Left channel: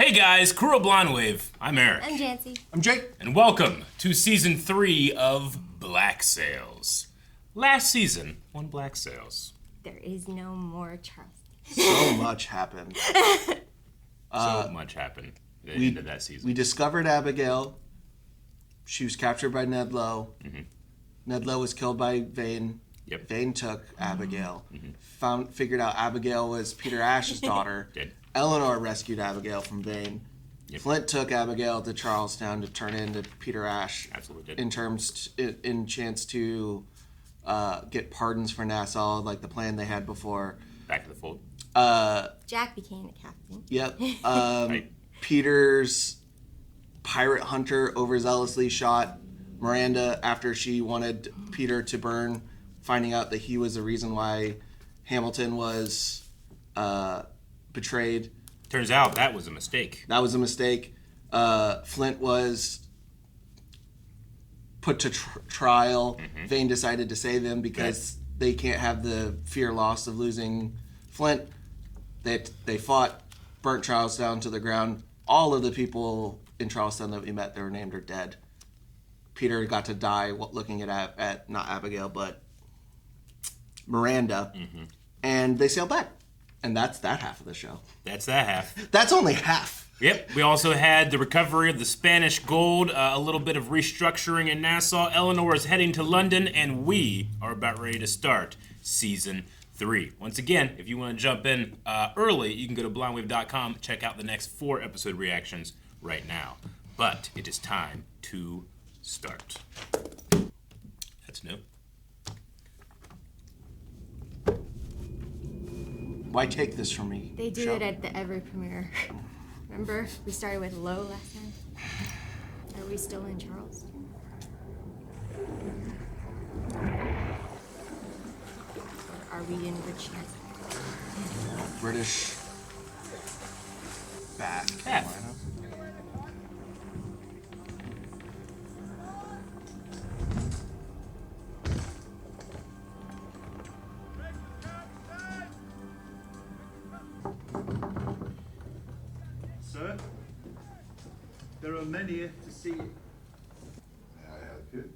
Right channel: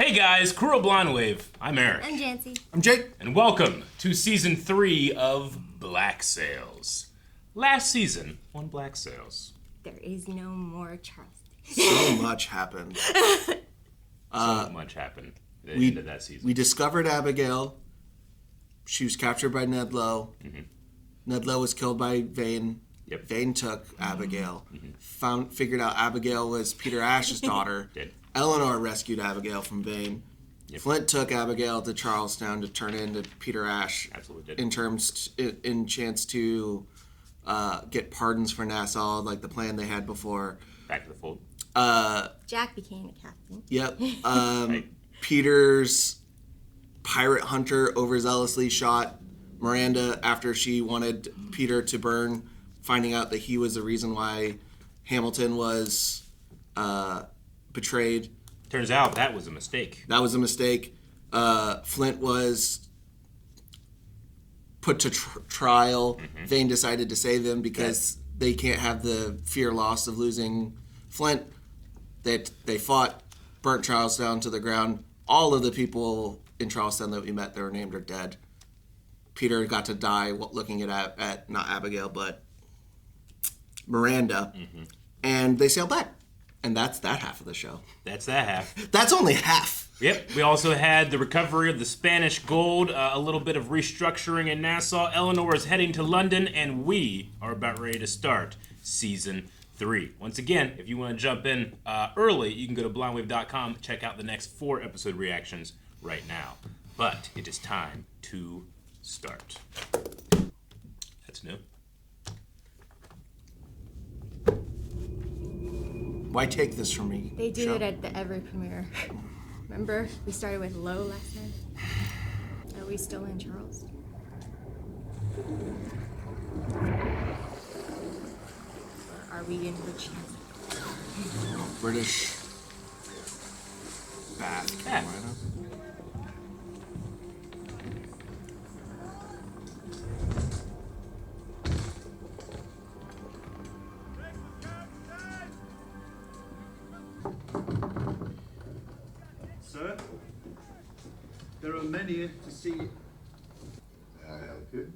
Hey guys, Crew of Blonde Wave. I'm Eric. I'm Janci. I'm Jake. And welcome to Season 3 of Black Sails. Last season on Black Sails. There is no more trust. So much happened. So much happened at the end of that season. We discovered Abigail. She was captured by Ned Lowe. Mm-hmm. Ned Lowe was killed by Vane. Yep. Vane took Abigail. Mm-hmm. Figured out Abigail was Peter Ash's daughter. Did. Eleanor rescued Abigail from Vane. Yep. Flint took Abigail to Charlestown to turn into Peter Ash. Absolutely did. In chance to get pardons for Nassau, like the plan they had before. Back to the fold. Jack became the captain. Yep. Right. Peter's pirate hunter overzealously shot Miranda after she wanted Peter to burn, finding out that he was the reason why Hamilton was betrayed. Turns out that was a mistake. That was a mistake. Flint was put to trial. Mm-hmm. Vane decided to save him because they can't have the fear loss of losing Flint. They fought, burnt Charlestown to the ground. All of the people in Charlestown that we met that were named are dead. Peter got to die looking at not Abigail, but Miranda. Mm-hmm. And they sailed back. And that's that half of the show. That's that half. That's only half. Yep. We also had the recovery of the Spanish gold, a little bit of restructuring in Nassau. Eleanor is heading to London, and we are about ready to start Season 3. Once again, if you want to jump in early, you can go to blindwave.com, check out the next 4 episode reactions right now. But it is time to start. That's new. Why take this from me? They do it at every premiere. Remember, we started with Low last time. Are we still in Charles? Are we in Richmond? British Bath. Bath. Sir, there are many to see. May I help you?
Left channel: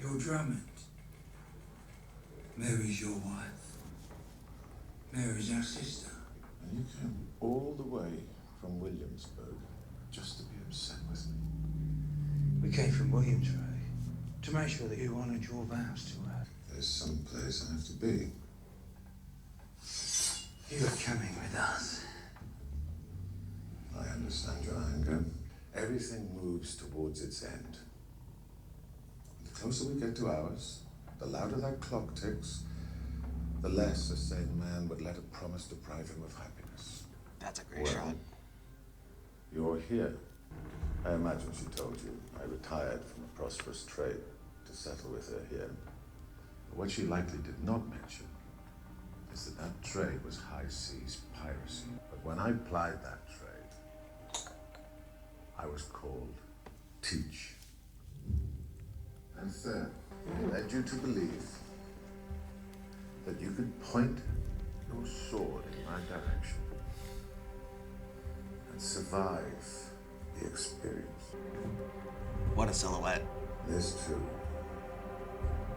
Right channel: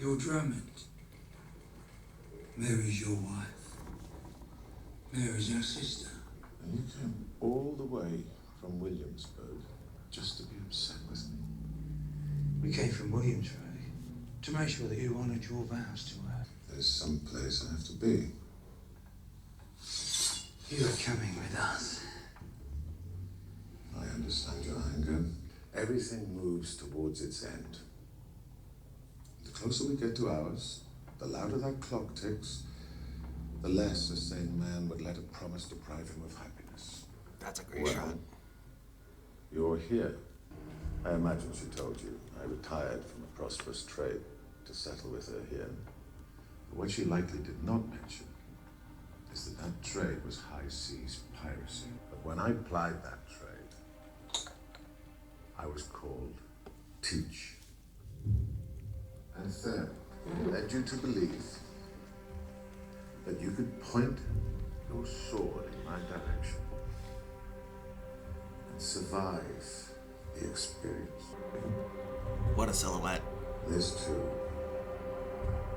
You're Drummond. Mary's your wife. Mary's our sister. And you came all the way from Williamsburg just to be upset with me. We came from Williamsburg to make sure that you honoured your vows to her. There's some place I have to be. You are coming with us. I understand your anger. Everything moves towards its end. The closer we get to ours, the louder that clock ticks, the less a sane man would let a promise deprive him of happiness. That's a great Well, shot. you're here. I imagine she told you I retired from a prosperous trade to settle with her here. But what she likely did not mention is that trade was high seas piracy. But when I plied that trade, I was called Teach. And then led you to believe that you could point your sword in my direction and survive the experience. What a silhouette. This too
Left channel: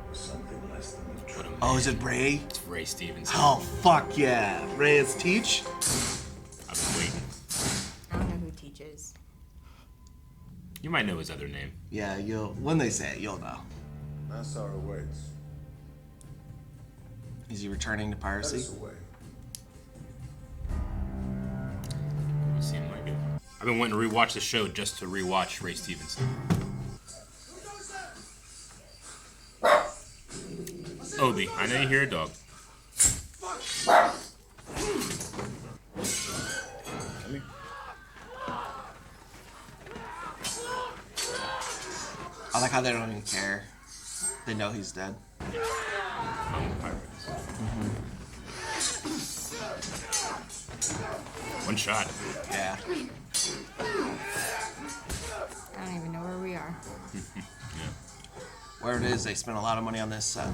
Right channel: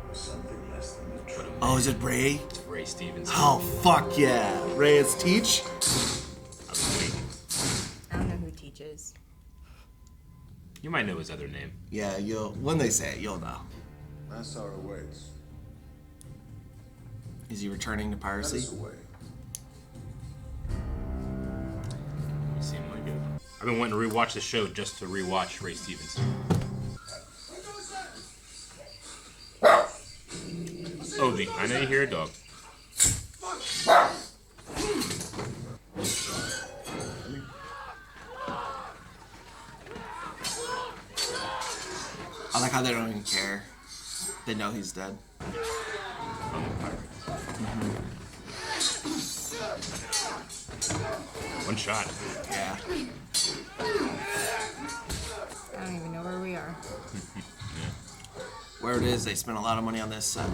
was something less than the truth. Oh, is it Ray? It's Ray Stevenson. Oh, fuck yeah. Ray is Teach? I was waiting. I don't know who teaches. You might know his other name. Yeah, when they say it, you'll know. Nassau awaits. Is he returning to Let piracy? us away. You seem like it. I've been wanting to rewatch the show just to rewatch Ray Stevenson. Odie, I know you hear a dog. I like how they don't even care. They know he's dead. One shot. Yeah. I don't even know where we are. Where it is, they spent a lot of money on this set.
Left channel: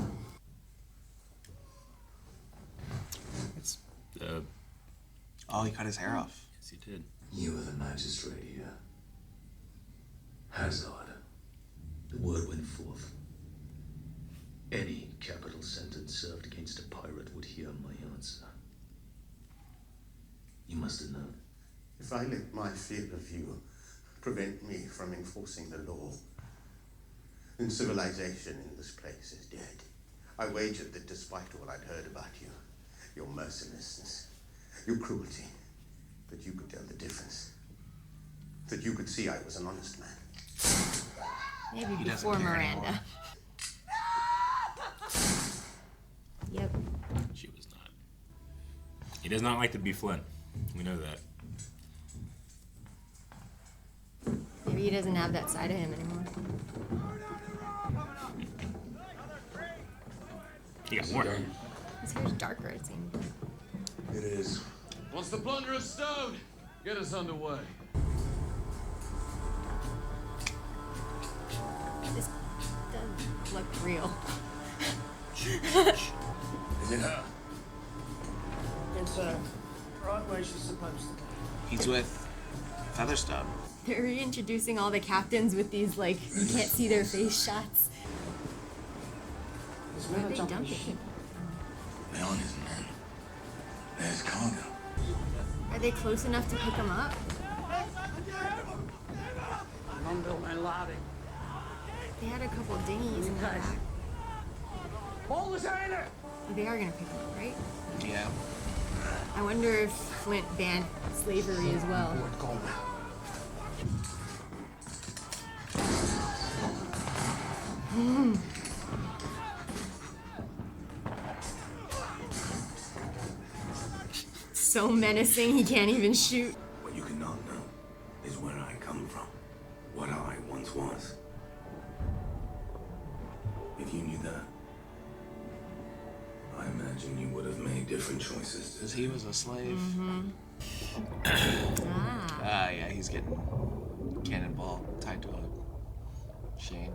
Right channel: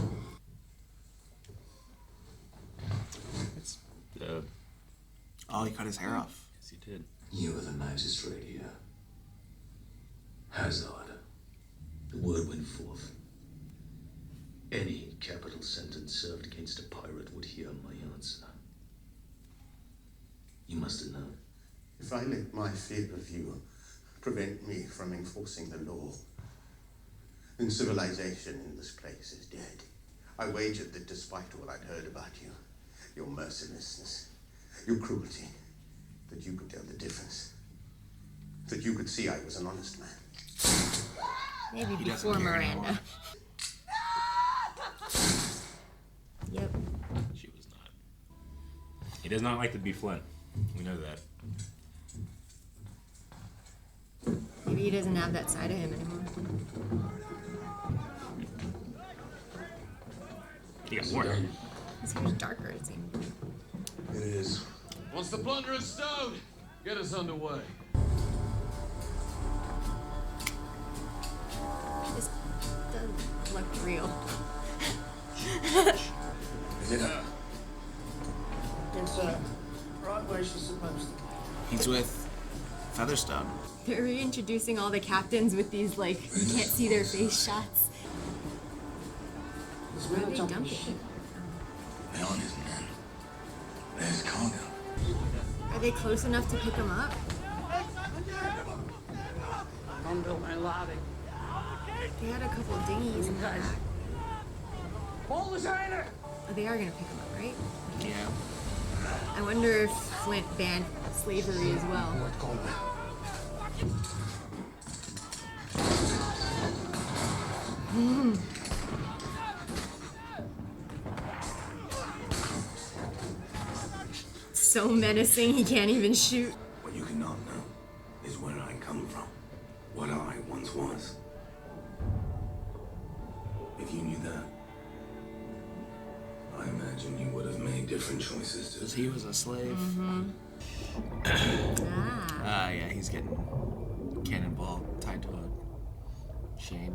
It's Oh, he cut his hair off. Yes, he did. You are the magistrate here. Hazard. The word went forth. Any capital sentence served against a pirate would hear my answer. You must have known. If I let my fear of you prevent me from enforcing the law, then civilization in this place is dead. I wagered that despite all I'd heard about you, your mercilessness, your cruelty, that you could tell the difference. That you could see I was an honest man. Maybe He doesn't before care Miranda. anymore. Yep. She was not. He does not like to be Flint. We know that. Maybe he doesn't have that side of him anymore. He got more. It's much darker, it seems. It is. Once the plunder is stowed, get us underway. This does look real. Is it her? It's right where she's supposed to be. He's with Featherstone. They're reintroducing all the captains with these, like, you can't see their face shots. There's Where men are are they jumping dumping? ship. They aren't his men. There's cargo. Are they close enough to pick them up? Non-bill man louding. They had a couple dinghies. You guys. Pull the sailor! Oh, they are gonna pick them up, right? Yeah. I wonder if Flint banned slavery as well. So menacing he can't even shoot. What you cannot know is where I come from. What I once was. If you knew that, I imagine you would have made different choices. Because he was a slave. Ah. Yeah, he's getting cannonball tied to a chain.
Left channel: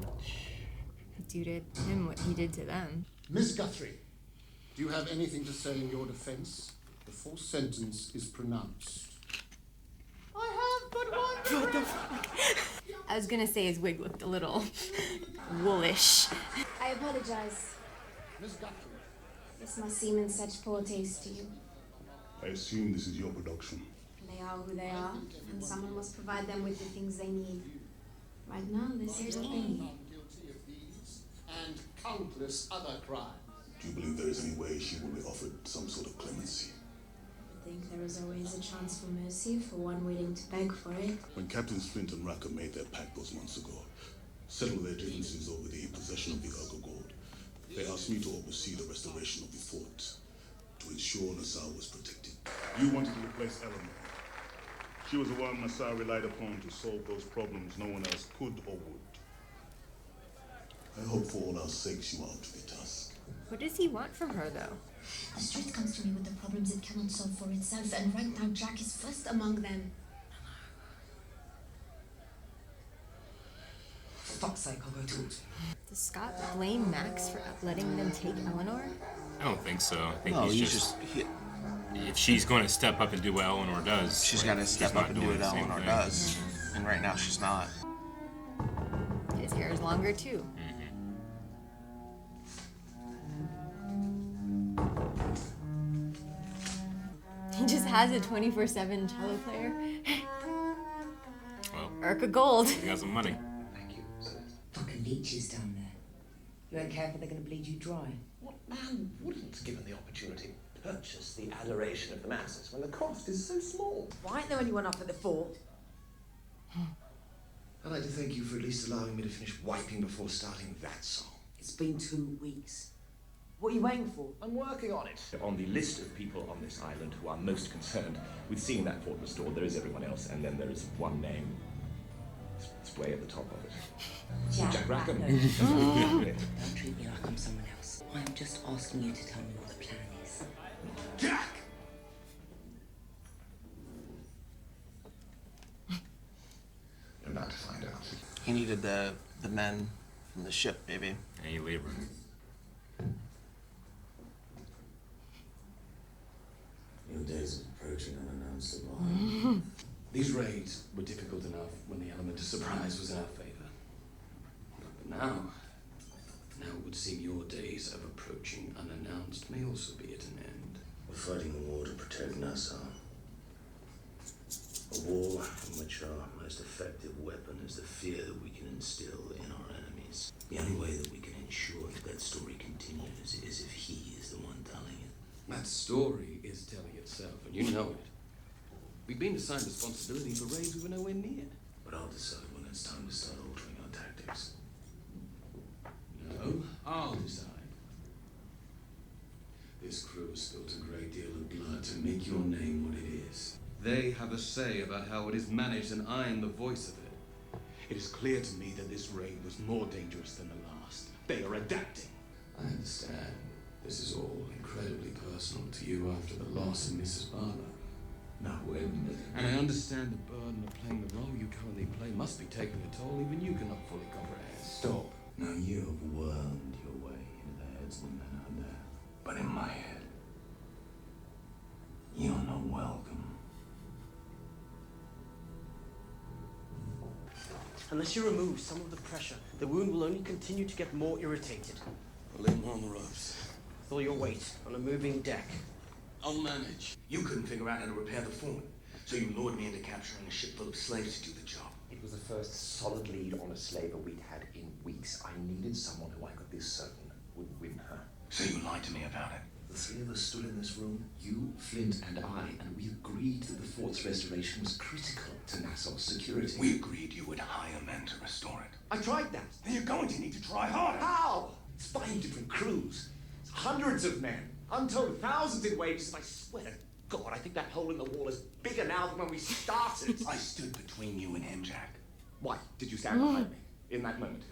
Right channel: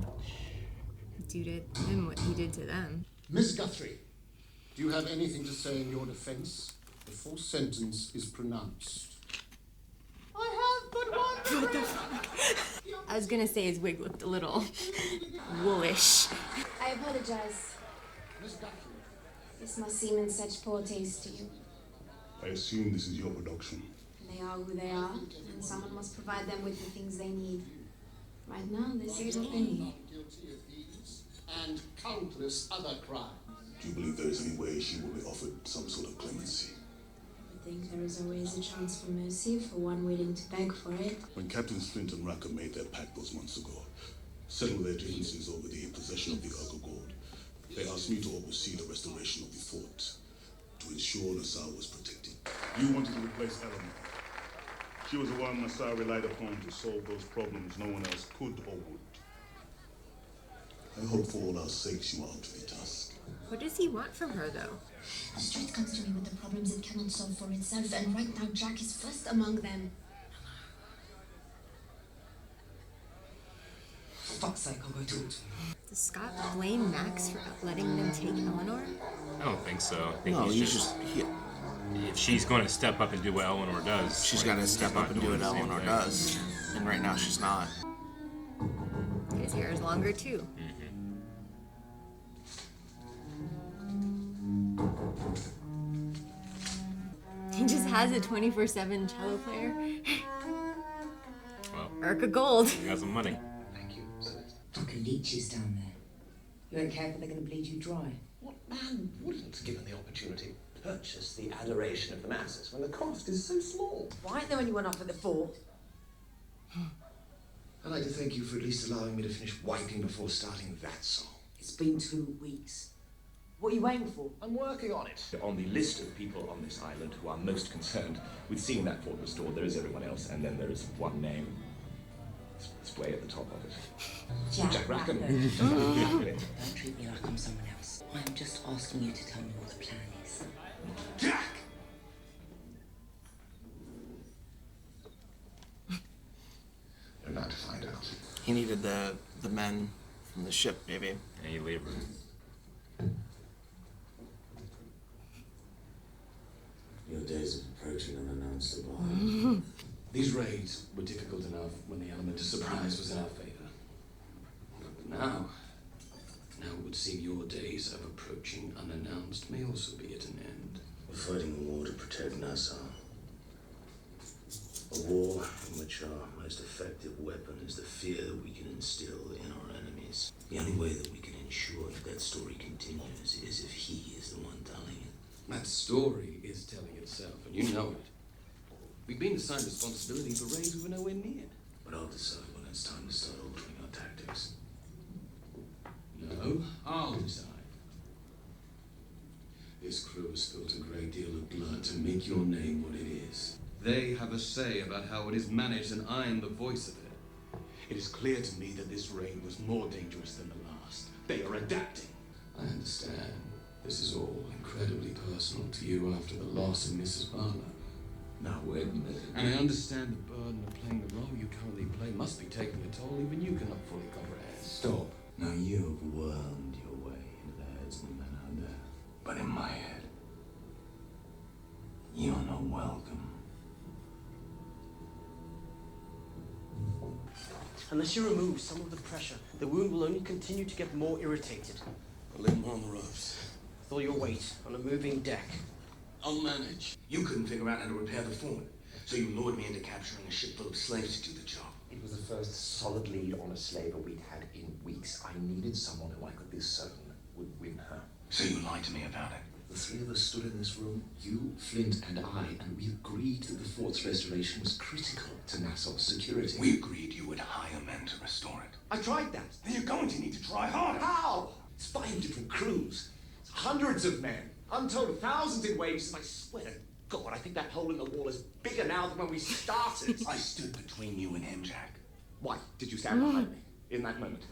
Do to him what he did to them. Miss Guthrie, do you have anything to say in your defense before sentence is pronounced? I have but one. I was gonna say his wig looked a little woolish. I apologize. Miss Guthrie. This must seem in such poor taste to you. I assume this is your production. They are who they are, and someone must provide them with the things they need. Right now, this is what they need. Guilty of these and countless other crimes. Do you believe there is any way she will be offered some sort of clemency? I think there is always a chance for mercy for one willing to beg for it. When Captains Flint and Racker made their pact those months ago, settled their differences over the possession of the Hornigold, they asked me to oversee the restoration of the fort, to ensure Nassau was protected. You wanted to replace Eleanor. She was the one Nassau relied upon to solve those problems no one else could or would. I hope for all our sakes you are up to the task. What does he want from her, though? The street comes to me with the problems it cannot solve for itself, and right now Jack is first among them. For fuck's sake, I'll go talk to him. Does Scott blame Max for letting them take Eleanor? I don't think so. I think No, he's just if she's going to step up and do what Eleanor does, She's like, got to he's step not up and do doing what the same Eleanor thing. does. And right now she's not. His hair is longer, too. He just has a 24/7 cello player. Well, Urca Gold. he got some money. Thank you, Celeste. Fucking leeches down there. You ain't careful, they're gonna bleed you dry. What man wouldn't, given the opportunity, purchase the adoration of the masses when the cost is so small? Why ain't there anyone up at the fort? I'd like to thank you for at least allowing me to finish wiping before starting that song. It's been 2 weeks. What are you waiting for? I'm working on it. On the list of people on this island who are most concerned with seeing that fort restored, there is everyone else, and then there is one name. It's way at the top of it. Jack Rackham. Exactly. Don't treat me like I'm someone else. I am just asking you to tell me what the plan is. Jack! You're not to find out. He needed the men from the ship, maybe. Any labor. Your days of approaching unannounced. Constable. These raids were difficult enough when the element of surprise was in our favor. But now it would seem your days of approaching unannounced may also be at an end. We're fighting a war to protect Nassau. A war in which our most effective weapon is the fear that we can instill in our enemies. The only way that we can ensure that that story continues is if he is the one telling it. That story is telling itself, and you know it. We've been assigned responsibility for raids we were nowhere near. But I'll decide when it's time to start altering our tactics. No, I'll decide. This crew has spilt a great deal of blood to make your name what it is. They have a say about how it is managed, and I am the voice of it. It is clear to me that this raid was more dangerous than the last. They are adapting. I understand. This is all incredibly personal to you after the loss of Mrs. Barlow. Now, wait a minute. And I understand the burden of playing the role you currently play must be taking a toll even you cannot fully comprehend. Stop. Now, you've wormed your way into the heads of the men out there. But in my head, you're not welcome. Unless you remove some of the pressure, the wound will only continue to get more irritated. I'll leave him on the ropes. With all your weight on a moving deck. I'll manage. You couldn't figure out how to repair the fort, so you lured me into capturing a ship full of slaves to do the job. It was the first solid lead on a slaver we'd had in weeks. I needed someone who I could be certain would win her. So you lied to me about it? The three of us stood in this room, you, Flint, and I, and we agreed that the fort's restoration was critical to Nassau's security. We agreed you would hire men to restore it. I tried that. Then you're going to need to try harder. How? It's 5 different crews. It's hundreds of men. Untold thousands in wages. I swear to God, I think that hole in the wall is bigger now than when we started. I stood between you and him, Jack. Why did you stand behind me in that moment?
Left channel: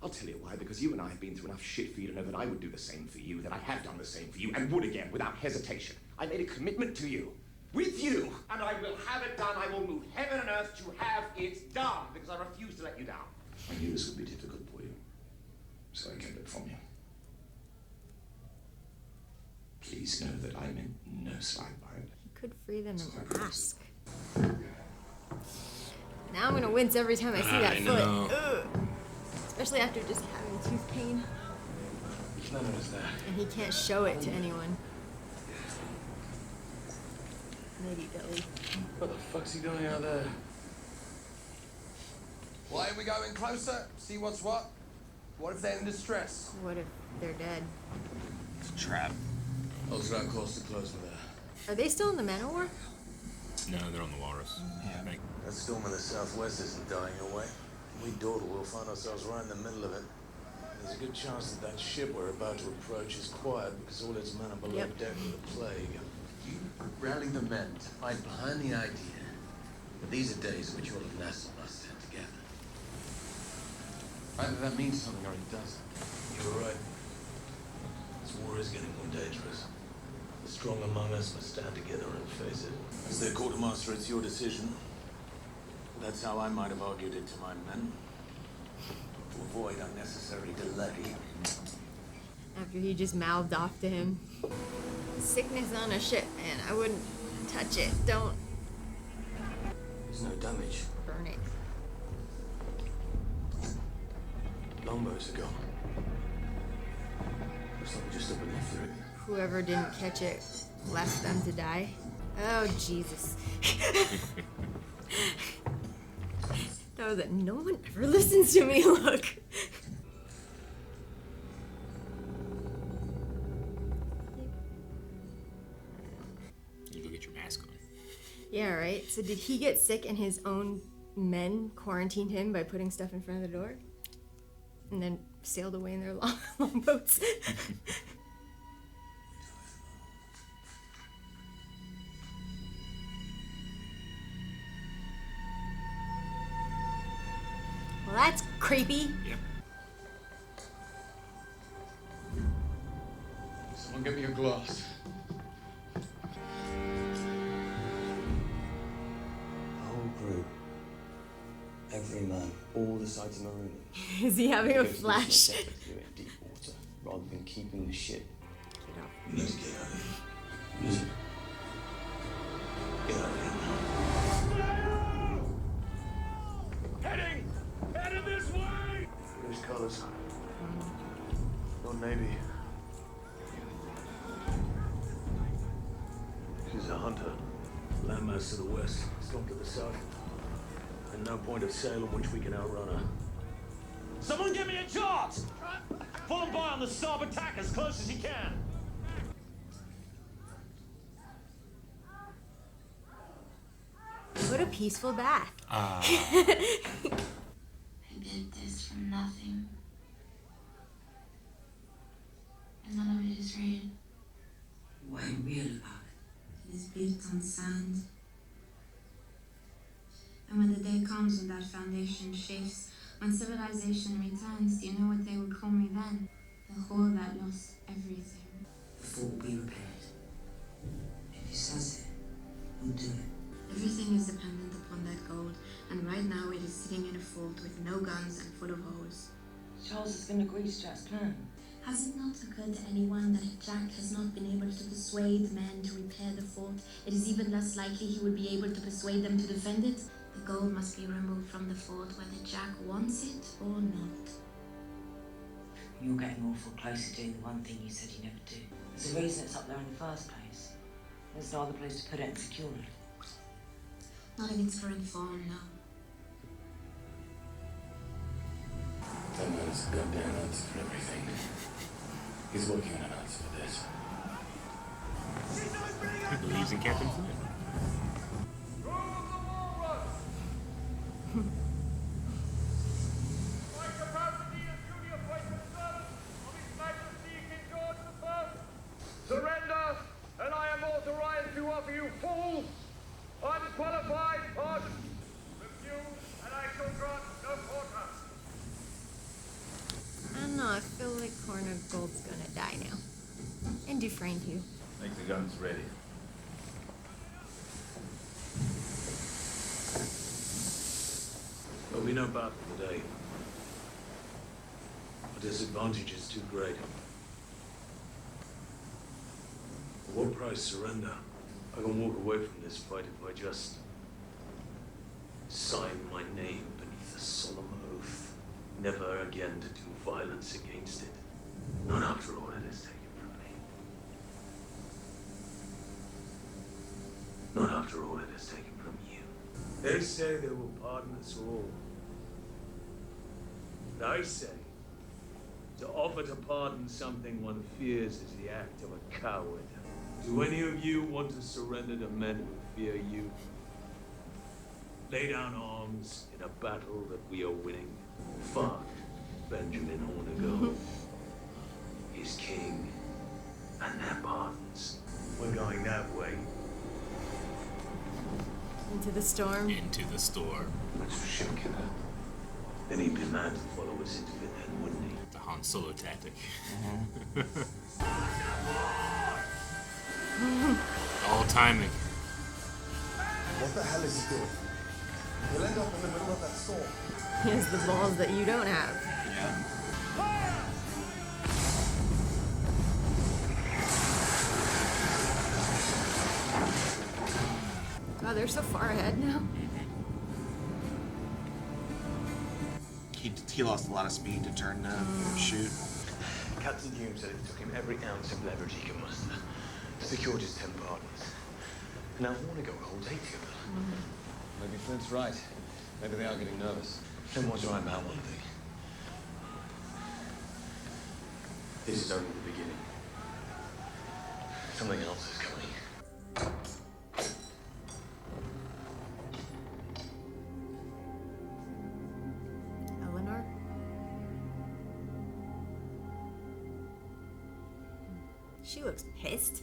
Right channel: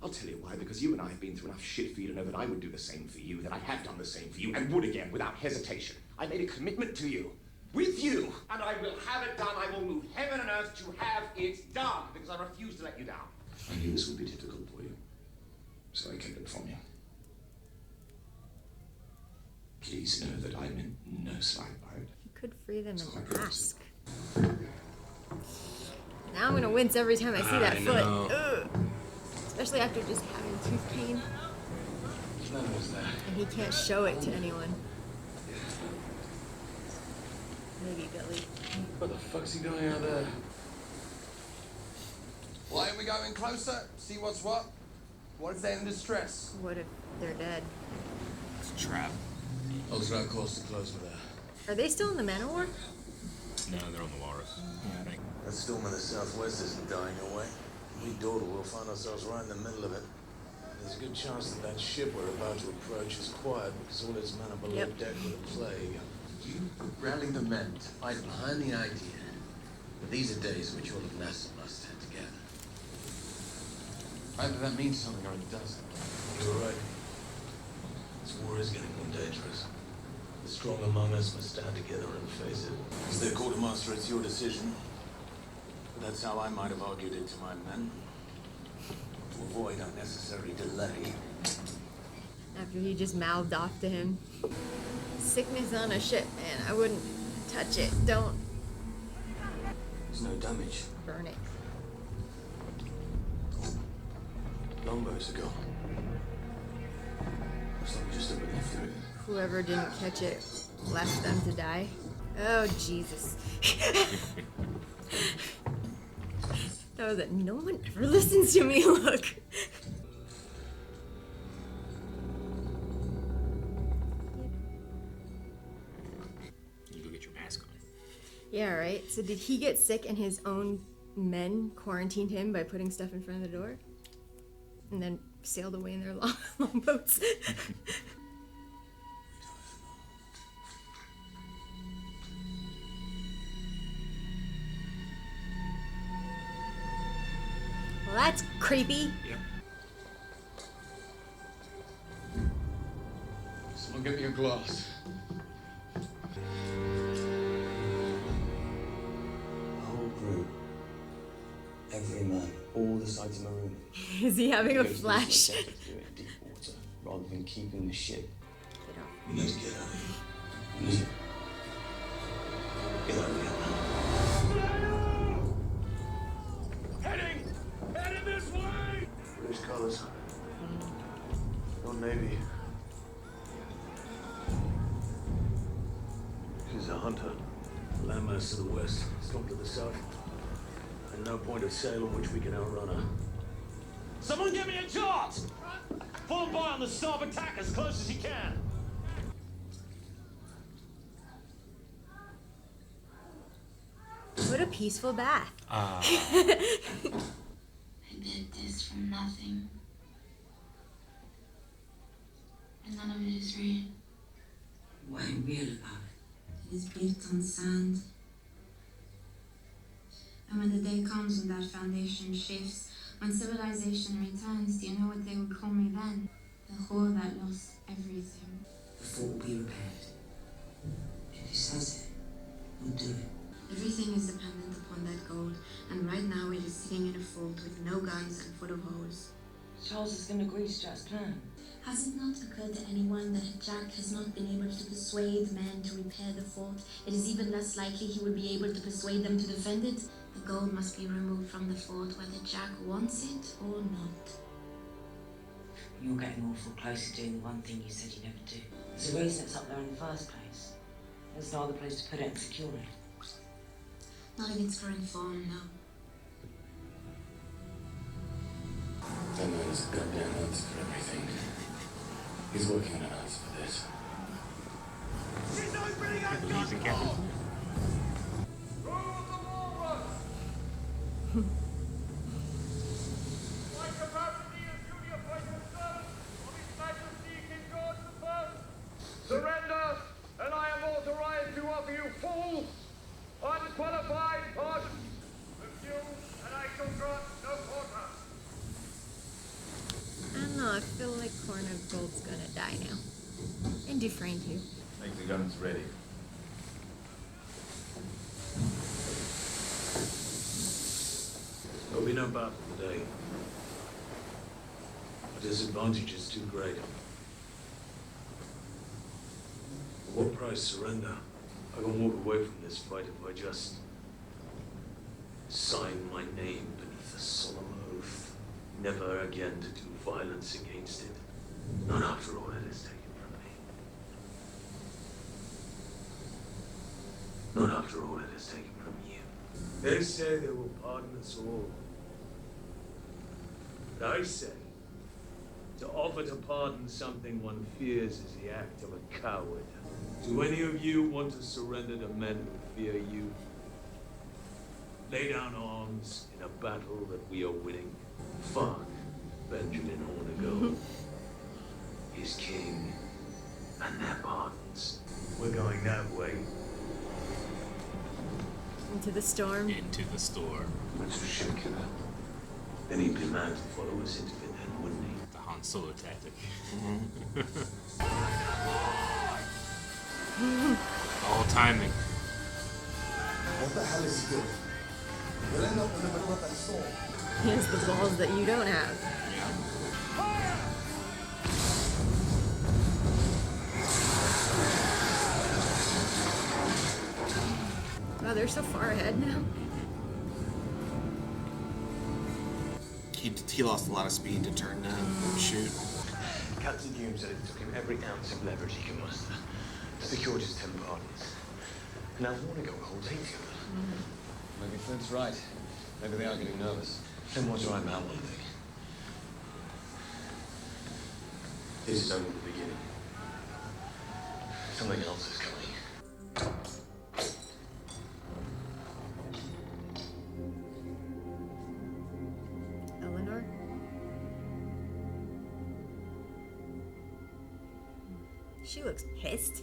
I'll tell you why, because you and I have been through enough shit for you to know that I would do the same for you, that I have done the same for you, and would again without hesitation. I made a commitment to you, with you, and I will have it done. I will move heaven and earth to have it done, because I refuse to let you down. I knew this would be difficult for you, so I kept it from you. Please know that I meant no slight by it. You could free them and ask. Now I'm gonna wince every time I see that foot. Ugh. Especially after just having tooth pain. None of us that. And he can't show it to anyone. Maybe Billy. What the fuck's he doing out there? Why are we going closer? See what's what? What if they're in distress? What if they're dead? It's a trap. I'll try our course to close with that. Are they still in the Man of War? No, they're on the Walrus. That storm in the southwest isn't dying away. If we dawdle, we'll find ourselves right in the middle of it. There's a good chance that that ship we're about to approach is quiet because all its men are below deck with a plague. You rally the men to fight behind the idea that these are days in which all of Nassau must stand together. Either that means something or it doesn't. You're right. This war is getting more dangerous. The strong among us must stand together and face it. As their quartermaster, it's your decision. That's how I might have argued it to my men. To avoid unnecessary delay. After he just mouthed off to him. Sickness on a ship, man. I wouldn't touch it. Don't There's no damage. burn it. Longbows are gone. Looks like we just up and left it. Whoever didn't catch it left them to die. Oh, Jesus. No, that no one ever listens to me. Look. You go get your mask on. Yeah, right. So did he get sick and his own men quarantined him by putting stuff in front of the door? And then sailed away in their longboats? Well, that's creepy. Yep. Someone get me a glass. The whole crew, every man, all the sides of marooning. Is he having a Go to this flash? much effort to do it in deep water, rather than keeping the ship. We need to get out of here. We need to get out Landmass to the west, storm to the south. And no point of sail on which we can outrun her. Someone give me a chart! Fall by on the starboard tack as close as you can. What a peaceful bath. I did this from nothing. And none of it is real. What ain't real about it? It is built on sand. And when the day comes when that foundation shifts, when civilization returns, do you know what they will call me then? The whore that lost everything. The fort will be repaired. If he says it, he'll do it. Everything is dependent upon that gold, and right now it is sitting in a fort with no guns and full of holes. Charles is going to agree to Jack's plan. Has it not occurred to anyone that if Jack has not been able to persuade men to repair the fort, it is even less likely he will be able to persuade them to defend it? The gold must be removed from the fort whether Jack wants it or not. You're getting awful close to doing the one thing you said you never do. There's a reason it's up there in the first place. There's no other place to put it and secure it. Not in its current form, no. That man has a goddamn answer for everything. He's working on an answer for this. People using Captain Flint. My capacity as junior faithful servant of His Majesty King George I. Surrender, and I am authorized to offer you full, unqualified pardon. Refuse, and I shall grant no quarter. I don't know, I feel like Hornigold's gonna die now. And Dufresne too. Make the guns ready. There'll be no battle today. Our disadvantage is too great. At what price surrender? I can walk away from this fight if I just sign my name beneath a solemn oath, never again to do violence against it. Not after all it has taken from me. Not after all it has taken from you. They say they will pardon us all. But I say, to offer to pardon something one fears is the act of a coward. Do any of you want to surrender to men who fear you? Lay down arms in a battle that we are winning. Fuck Benjamin Hornigold, his king, and their pardons. We're going that way. Into the storm. Into the storm. That's a ship killer. Then he'd be mad to follow us into it then, wouldn't he? The Han Solo tactic. All timing. What the hell is he doing? You'll end up in the middle of that storm. He has the balls that you don't have. Oh, they're so far ahead now. He lost a lot of speed to turn to shoot. Captain Hume said it took him every ounce of leverage he could muster to secure just 10 partners. Now Hornigold holds 80 of them. Maybe Flint's right. Maybe they are getting nervous. Flint was right about one thing. This is only the beginning. Something else is coming. Eleanor? She looks pissed.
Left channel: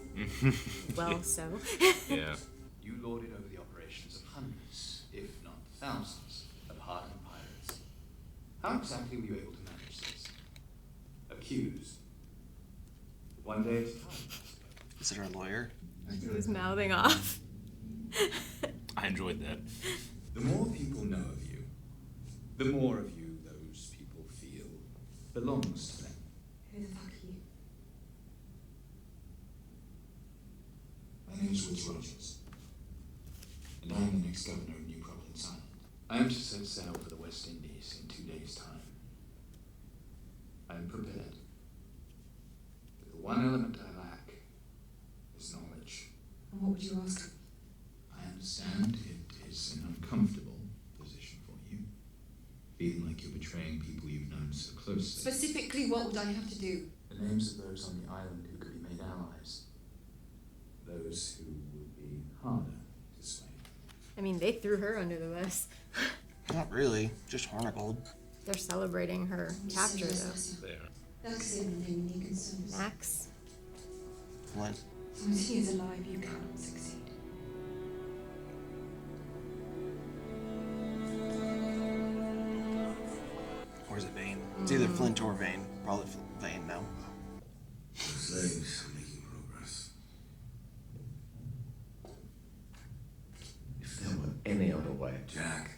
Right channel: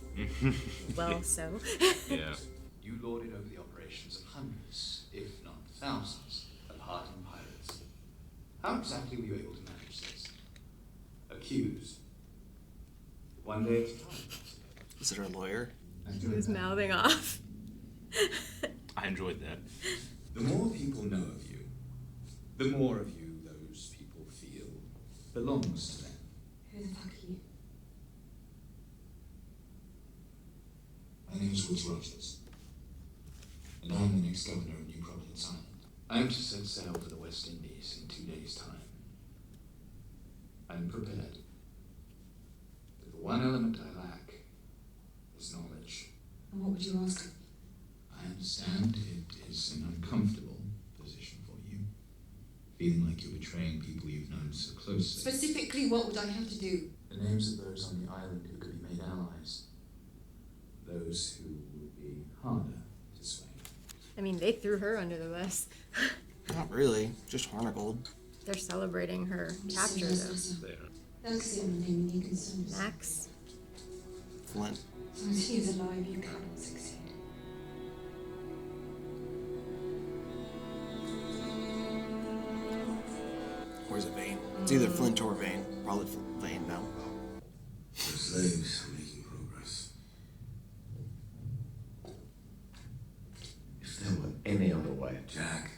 Well, so. Yeah. You lorded over the operations of hundreds, if not thousands, of hardened pirates. How exactly were you able to manage this? Accused. One day at a time, I suppose. Is it our lawyer? He was mouthing off. I enjoyed that. The more people know of you, the more of you those people feel belongs to them. Who the fuck are you? My name's Woods Rogers, and I'm the next governor of New Providence Island. I am to set sail for the West Indies in 2 days' time. I am prepared. But the one element I lack is knowledge. And what would you ask him? I am understand it is an uncomfortable position for you. Feeling like you're betraying people you've known so closely. Specifically, what would I have to do? The names of those on the island who could be made allies. Those who would be harder to sway. I mean, they threw her under the bus. Not really, just Hornigold. They're celebrating her capture, though. Max? Flint. As long as he is alive, you cannot succeed. Where's it Vane? It's either Flint or Vane. Probably Vane now. The slaves are making progress. If there were any other way. Jack,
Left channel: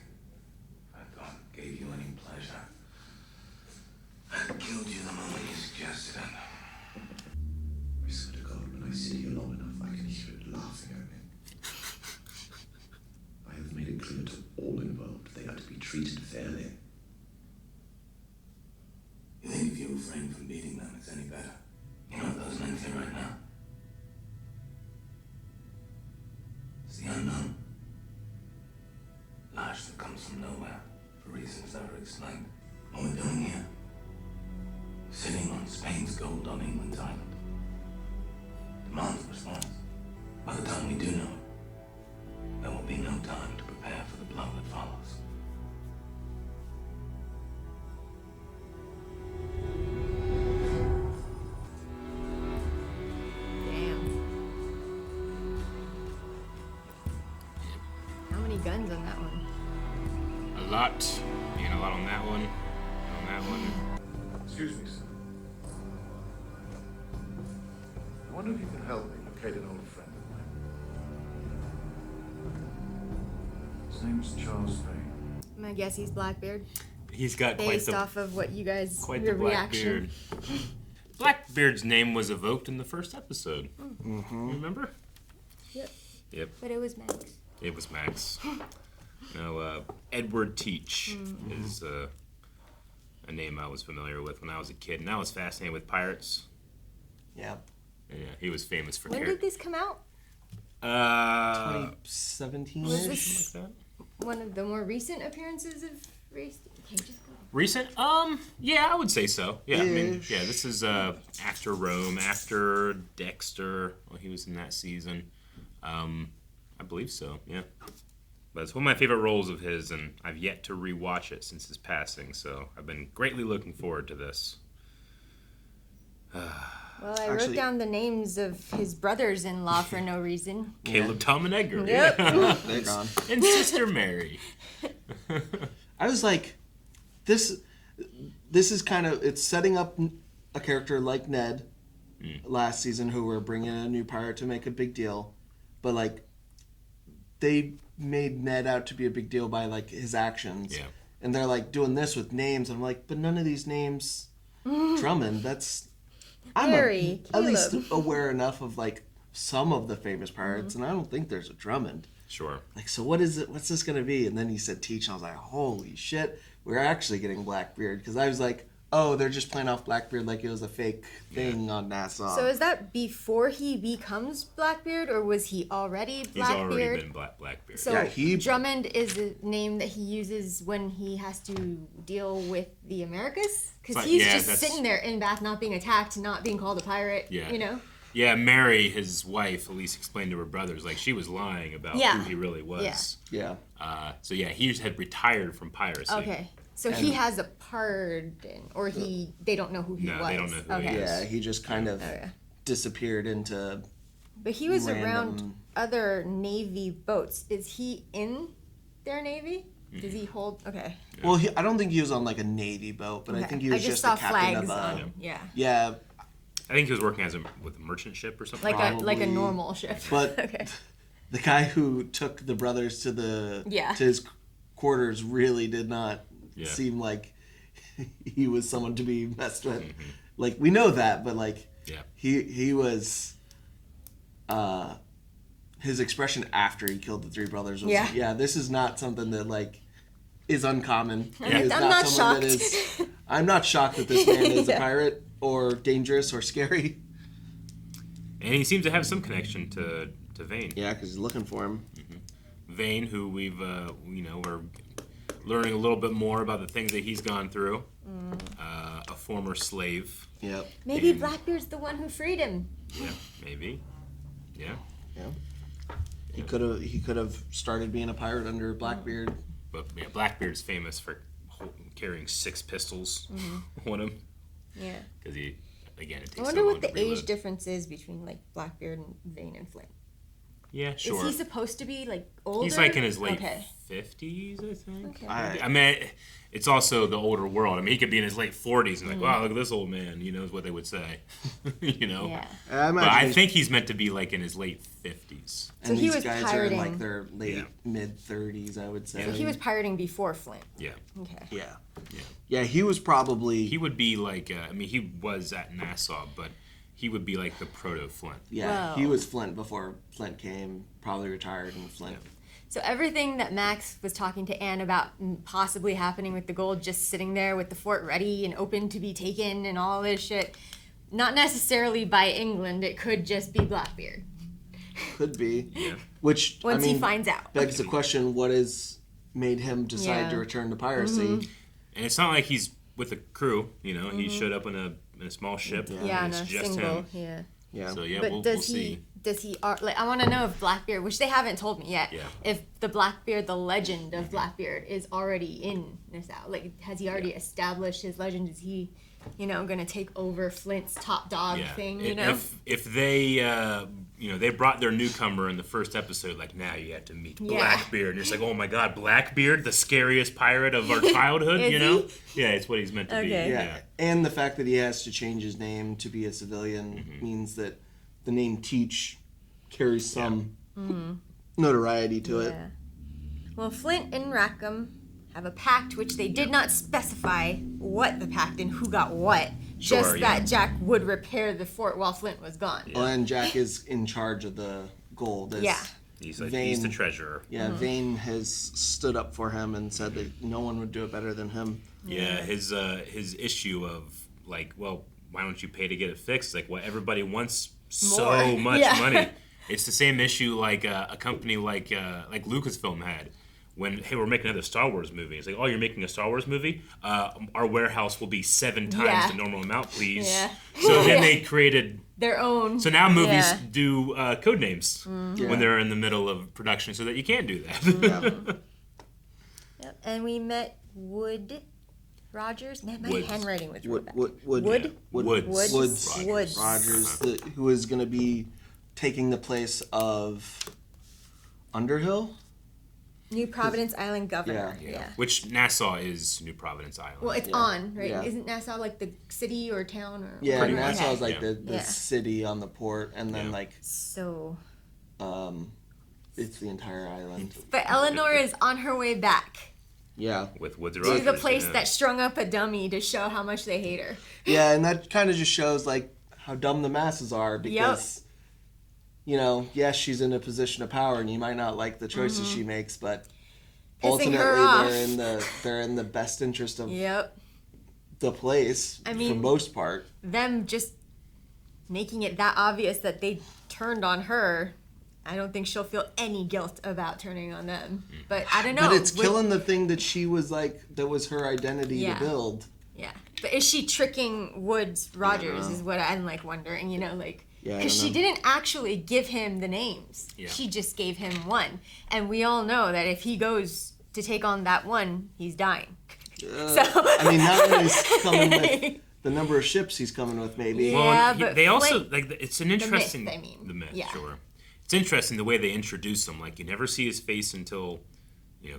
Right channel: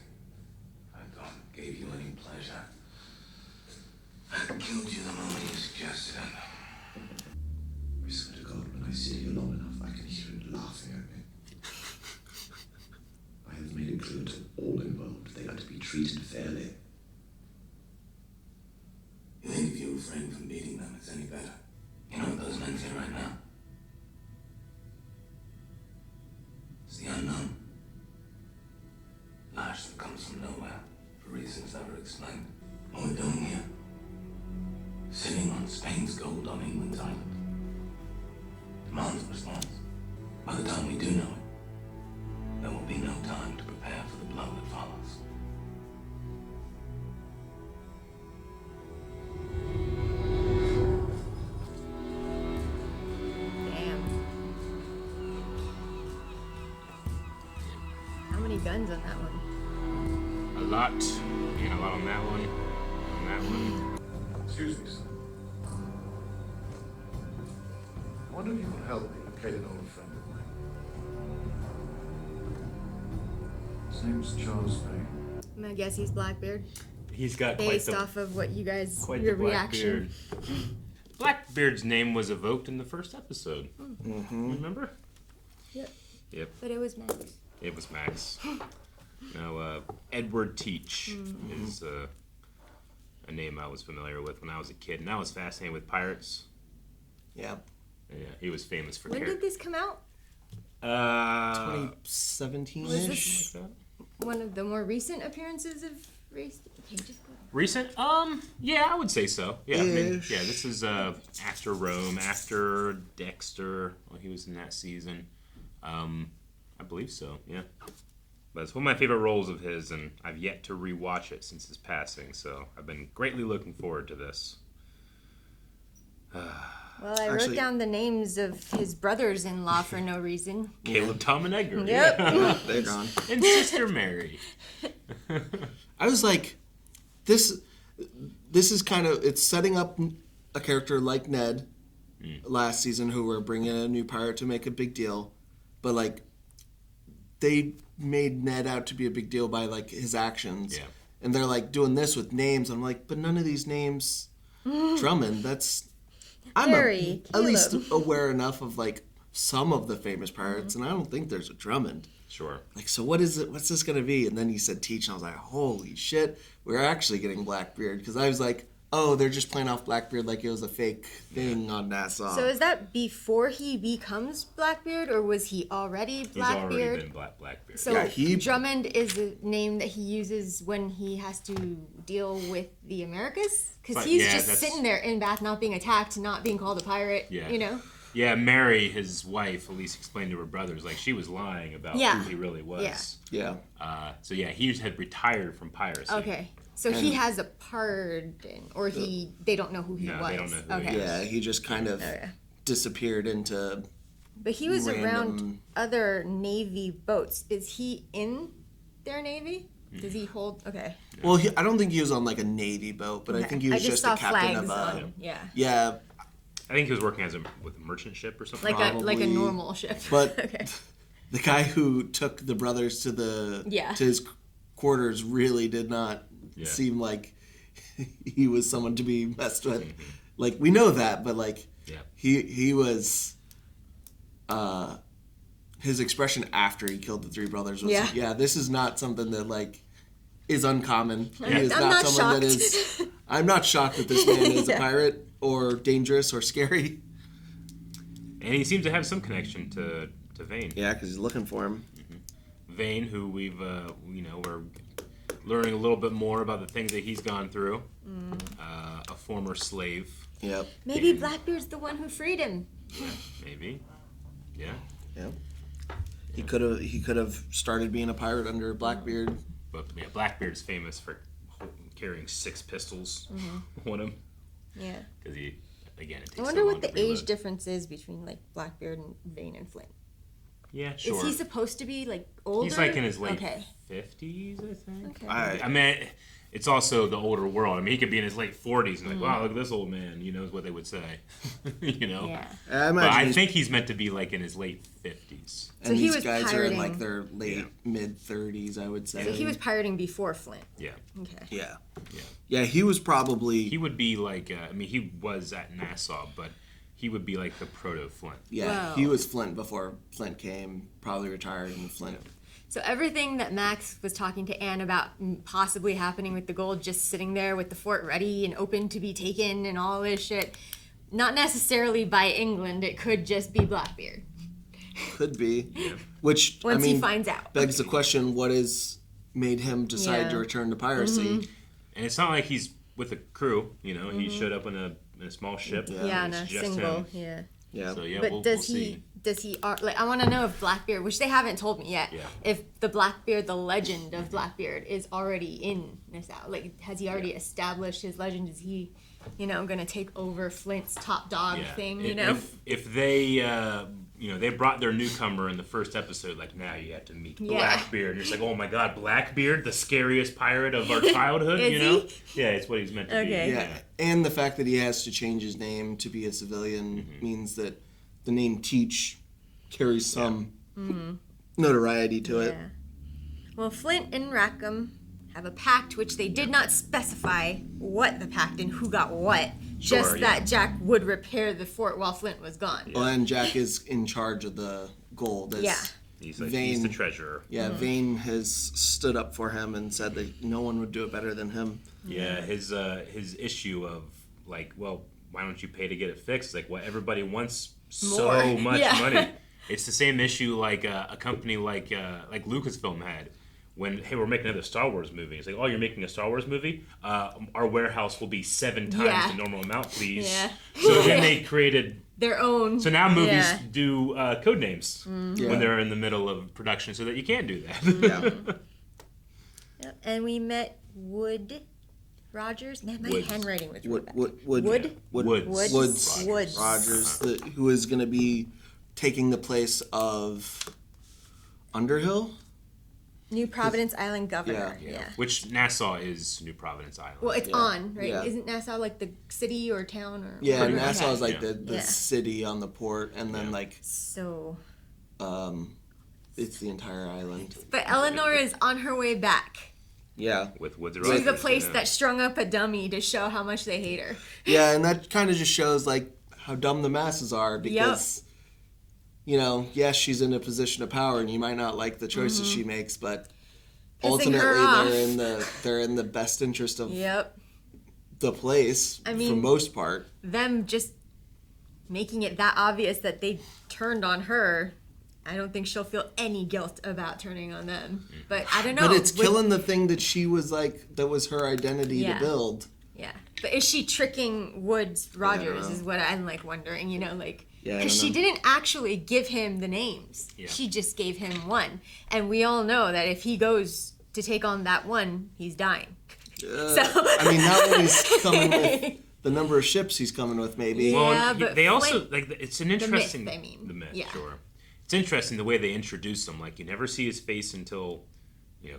if I thought it gave you any pleasure, I'd killed you the moment you suggested it. I swear to God, when I sit here long enough, I can hear it laughing at me. I have made it clear to all involved they are to be treated fairly. You think if you refrain from beating them, it's any better? You know what those men feel right now? It's the unknown. Lash that comes from nowhere, for reasons never explained. What we're doing here, sitting on Spain's gold on England's island, demands a response. By the time we do know it, there will be no time to prepare for the blow that follows. How many guns on that one? A lot. And a lot on that one. On that one. Excuse me, sir. I wonder if you can help me locate an old friend of mine. His name's Charles Vane. I guess he's Blackbeard. He's got Based off of what you guys, quite your the reaction. Blackbeard. Blackbeard's name was evoked in the first episode. Mm-hmm. Remember? Yep. Yep. But it was Max. It was Max. Now, Edward Teach is a name I was familiar with when I was a kid, and I was fascinated with pirates. Yeah. Yeah, he was famous for When did this come out? 2017 Was this one of the more recent appearances of race? Okay, just go. Recent? Yeah, I would say so. Yeah, I mean, yeah, this is after Rome, after Dexter. Well, he was in that season. I believe so. Yeah, but it's one of my favorite roles of his, and I've yet to rewatch it since his passing. So I've been greatly looking forward to this. Well, I wrote down the names of his brothers-in-law for no reason. Caleb, Tom, and Edgar. Yep. Yeah. They're gone. And Sister Mary. I was like, this is kind of, it's setting up a character like Ned last season, who were bringing in a new pirate to make a big deal, but like they made Ned out to be a big deal by like his actions. Yeah. And they're like doing this with names. I'm like, but none of these names, Drummond, I'm at least aware enough of like some of the famous pirates, and I don't think there's a Drummond. Sure. Like, so what is it? What's this gonna be? And then he said Teach, and I was like, holy shit, we're actually getting Blackbeard, because I was like, oh, they're just playing off Blackbeard like it was a fake thing on Nassau. So is that before he becomes Blackbeard, or was he already Blackbeard? He's already been Blackbeard. So yeah, Drummond is a name that he uses when he has to deal with the Americas? Because he's just sitting there in Bath, not being attacked, not being called a pirate, you know? Yeah, Mary, his wife, at least explained to her brothers, like, she was lying about who he really was. Yeah. So, yeah, he had retired from piracy. Okay. So he has a pardon, or they don't know who he was. No, they don't know who he is. Yeah, he just kind of disappeared into But he was around other Navy boats. Is he in their Navy? Does he hold? Okay. Well, I don't think he was on like a Navy boat, but I think he was just a captain of a. Yeah. I think he was working with a merchant ship or something. Like a normal ship. But okay. The guy who took the brothers to to his quarters really did not seem like he was someone to be messed with. Like, we know that, but like he was. His expression after he killed the three brothers was, this is not something that like is uncommon. Yeah. I'm not shocked. I'm not shocked that this man is a pirate or dangerous or scary. And he seems to have some connection to Vane. Yeah, because he's looking for him. Vane, who we've we're learning a little bit more about the things that he's gone through. A former slave. Yep. Maybe Blackbeard's the one who freed him. Yeah, maybe. Yeah. Yeah. He could have started being a pirate under Blackbeard. But yeah, Blackbeard's famous for carrying 6 pistols on him. Yeah. Because he, again, it takes I wonder so what long the to reload. age difference is between like Blackbeard and Vane and Flint. Yeah, sure. Is he supposed to be like older? He's like in his late Okay. 50s, I think. Okay. I mean, it's also the older world. I mean, he could be in his late 40s and like, wow, look at this old man. Is what they would say. Yeah. But I think he's meant to be like in his late 50s. And So he these was guys pirating. are in like their late mid 30s, I would say. So he was pirating before Flint. Yeah. Okay. Yeah. Yeah, he was probably. He would be like, he was at Nassau, but he would be like the proto Flint. Yeah, Whoa. he was Flint before Flint came, probably retired in Flint. So everything that Max was talking to Anne about possibly happening with the gold, just sitting there with the fort ready and open to be taken and all this shit, not necessarily by England. It could just be Blackbeard. Could be. Yeah. Which, Once he finds out. begs the question, what has made him decide to return to piracy? And it's not like he's with a crew, he showed up in a small ship. Yeah, and in it's a just single. him. Yeah. Yeah. So yeah, But we'll does see. he like? I want to know if Blackbeard, which they haven't told me yet, Yeah. if the Blackbeard, the legend of Blackbeard, is already in Nassau. Like, has he already established his legend? Is he, going to take over Flint's top dog thing? If they they brought their newcomer in the first episode, like, now you have to meet Blackbeard, and it's like, oh my god, Blackbeard, the scariest pirate of our childhood, Is Yeah, it's what he's meant to be. Yeah. And the fact that he has to change his name to be a civilian means that the name Teach carries some notoriety to it. Well, Flint and Rackham have a pact which they did not specify what the pact and who got what. Just that Jack would repair the fort while Flint was gone. Well, and Jack is in charge of the gold. He's the treasurer. Yeah, Vane has stood up for him and said that no one would do it better than him. Yeah, his issue of like, well, why don't you pay to get it fixed? Like, well, everybody wants so much money. It's the same issue like a company like Lucasfilm had. When, hey, we're making another Star Wars movie. It's like, oh, you're making a Star Wars movie? Our warehouse will be 7 times the normal amount, please. Yeah. So then they created their own. So now movies do code names when they're in the middle of production, so that you can't do that. Yep. And we met Wood Rogers. Man, my Woods. handwriting was really bad. Woods Rogers, who is going to be taking the place of Underhill. New Providence Island governor. Yeah. Which Nassau is New Providence Island. Well, it's on, right? Yeah. Isn't Nassau like the city or town or? Yeah, Nassau is like the city on the port, and then it's the entire island. But Eleanor is on her way back. Yeah, with Woods Rogers. To the place that strung up a dummy to show how much they hate her. Yeah, and that kind of just shows like how dumb the masses are because. Yes, she's in a position of power, and you might not like the choices she makes, but ultimately they're in the best interest of the place for most part. Them just making it that obvious that they turned on her, I don't think she'll feel any guilt about turning on them. But I don't know. But it's killing the thing that she was like, that was her identity to build. Yeah. But is she tricking Woods Rogers is what I'm like wondering, because she didn't actually give him the names. Yeah. She just gave him one. And we all know that if he goes to take on that one, he's dying. That one is coming with the number of ships he's coming with, maybe. Well, they also, it's an interesting... The myth, sure. It's interesting the way they introduce him. Like, you never see his face until,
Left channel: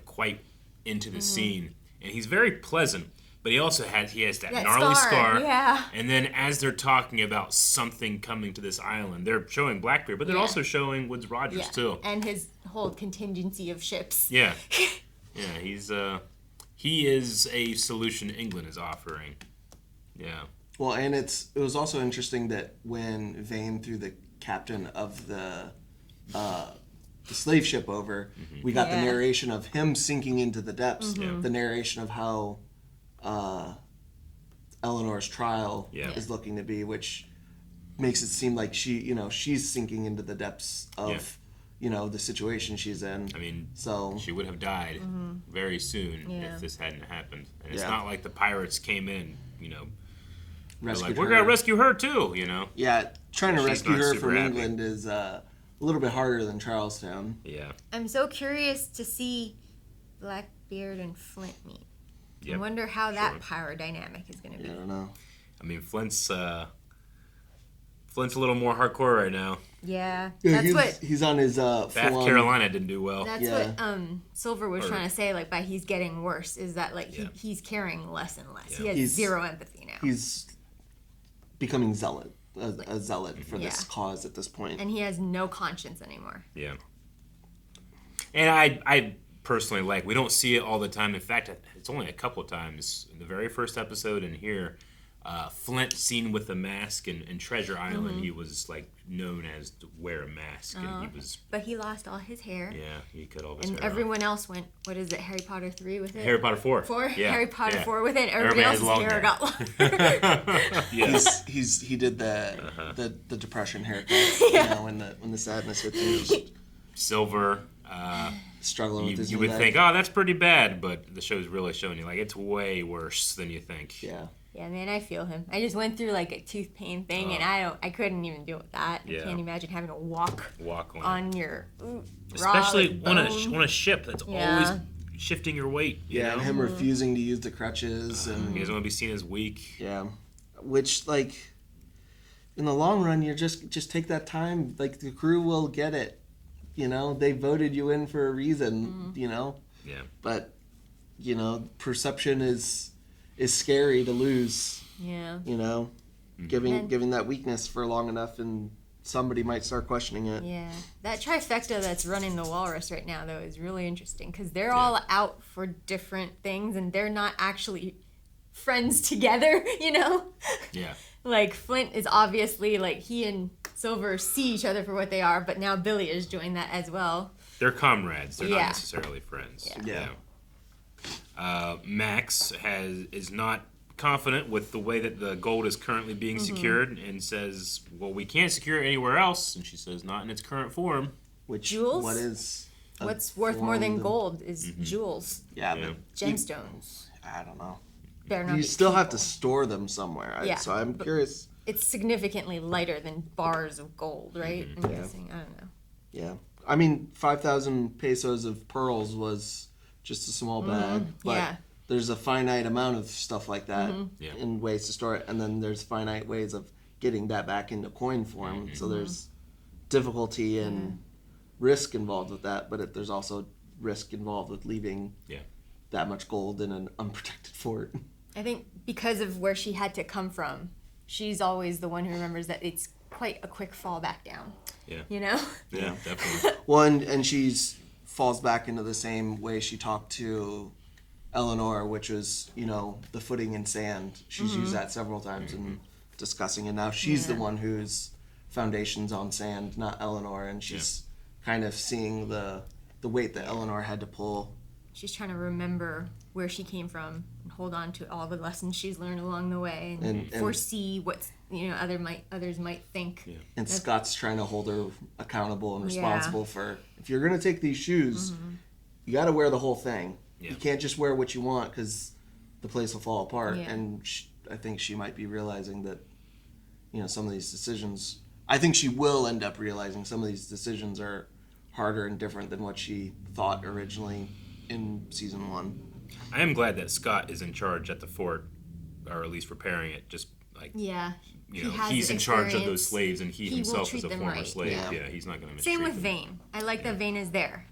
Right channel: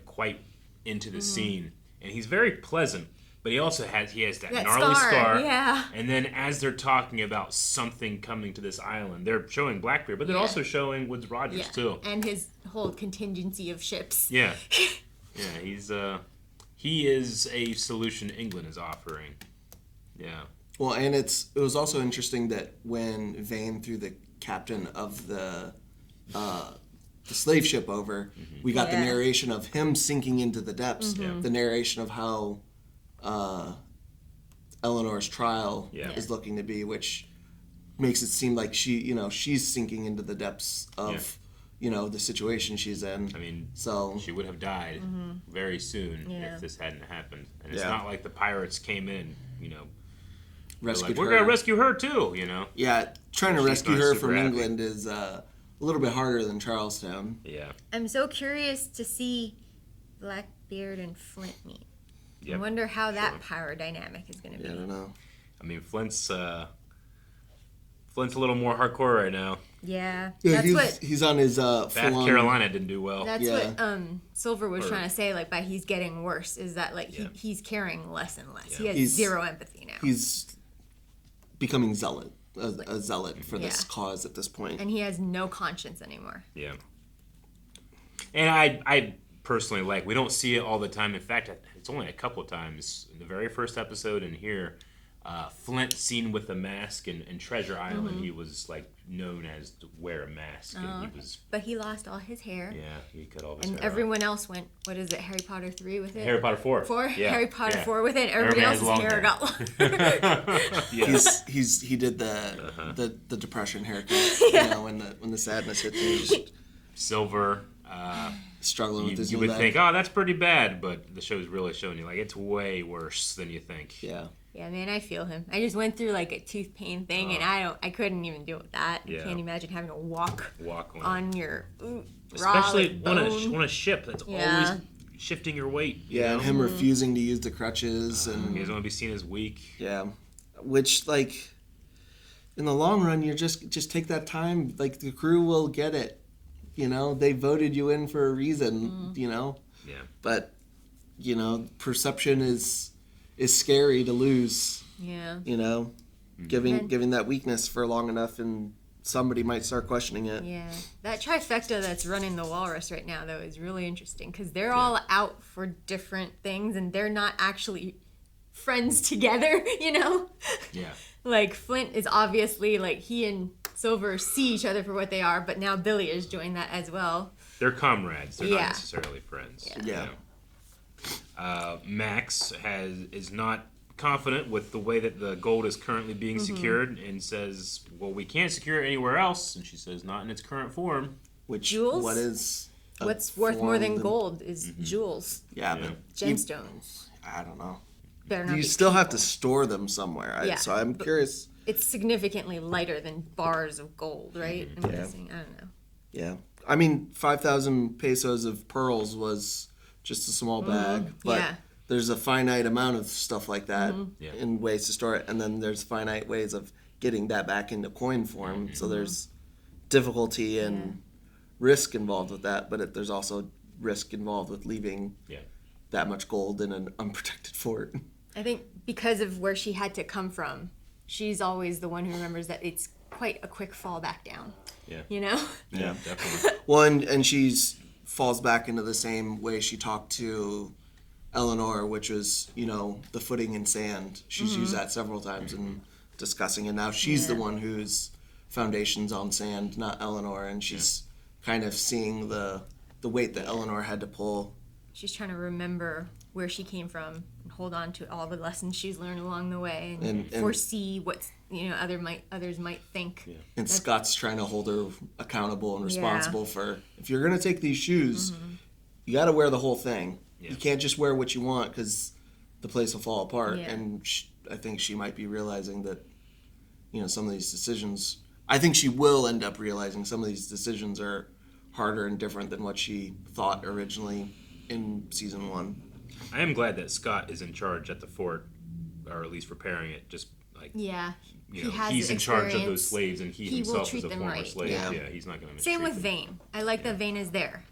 quite into the scene. And he's very pleasant. But he also has that gnarly scar. Yeah. And then as they're talking about something coming to this island, they're showing Blackbeard, but they're also showing Woods Rogers too. And his whole contingency of ships. Yeah. Yeah, he is a solution England is offering. Yeah. Well, and it was also interesting that when Vane threw the captain of the slave ship over, we got the narration of him sinking into the depths, the narration of how Eleanor's trial is looking to be, which makes it seem like she's sinking into the depths of, the situation she's in. I mean, so she would have died very soon if this hadn't happened. And it's not like the pirates came in, rescued we're her. gonna rescue her too, Yeah, trying to She's rescue not her super from happy. England is a little bit harder than Charlestown. Yeah. I'm so curious to see Blackbeard and Flint meet. Yep. I wonder how that power dynamic is going to be. I don't know. I mean, Flint's a little more hardcore right now. Yeah, he's on his Bath Carolina didn't do well. That's what Silver was trying to say. Like by he's getting worse, is that he's caring less and less. He has zero empathy now. He's becoming a zealot for this cause at this point, and he has no conscience anymore. Yeah. And I personally we don't see it all the time. In fact, it's only a couple of times in the very first episode and here. Flint seen with a mask and Treasure Island, he was known as to wear a mask, and he was. But he lost all his hair. Yeah, he cut all his hair. And everyone else went. What is it? Harry Potter 3 with it. Harry Potter 4. 4. Yeah. Harry Potter 4 with it. Everybody else's hair got long. Yeah. He did the depression haircut. When the sadness hit you. Silver. Struggling with his you would think, oh, that's pretty bad, but the show's really showing you it's way worse than you think. Yeah. Yeah, man, I feel him. I just went through a tooth pain thing, and I couldn't even deal with that. Yeah. I can't imagine having to walk on your especially raw, on a ship that's always shifting your weight. You know? And him refusing to use the crutches, and he doesn't want to be seen as weak. Yeah, which in the long run, you just take that time. The crew will get it. They voted you in for a reason. Yeah. But perception is scary to lose. Yeah. Giving that weakness for long enough, and somebody might start questioning it. Yeah. That trifecta that's running the Walrus right now, though, is really interesting because they're all out for different things, and they're not actually friends together. Yeah. Flint is obviously he and Silver see each other for what they are, but now Billy has joined that as well. They're comrades. They're not necessarily friends. Yeah. Max is not confident with the way that the gold is currently being secured and says, well, we can't secure it anywhere else. And she says, not in its current form. Which jewels? What is what's worth more than gold is jewels. Yeah, but gemstones. I don't know. You still have to store them somewhere. So I'm curious. It's significantly lighter than bars of gold, right? I'm guessing. I don't know. Yeah. I mean, 5,000 pesos of pearls was just a small bag. But there's a finite amount of stuff like that and ways to store it. And then there's finite ways of getting that back into coin form. So there's difficulty and risk involved with that. But there's also risk involved with leaving that much gold in an unprotected fort. I think because of where she had to come from, she's always the one who remembers that it's quite a quick fall back down. Yeah. Yeah, definitely. Well, and she's falls back into the same way she talked to Eleanor, which was, the footing in sand. She's used that several times in discussing, and now she's the one whose foundation's on sand, not Eleanor, and she's kind of seeing the weight that Eleanor had to pull. She's trying to remember where she came from and hold on to all the lessons she's learned along the way and foresee what others might think. Yeah. And Scott's trying to hold her accountable and responsible for, if you're going to take these shoes, you got to wear the whole thing. Yeah. You can't just wear what you want because the place will fall apart. Yeah. And I think she might be realizing that, some of these decisions, I think she will end up realizing some of these decisions are harder and different than what she thought originally in season 1. I am glad that Scott is in charge at the fort, or at least repairing it. Just he's in charge of those slaves, and he himself is a former slave. Yeah, he's not going to. Same with Vane. I like that Vane is there,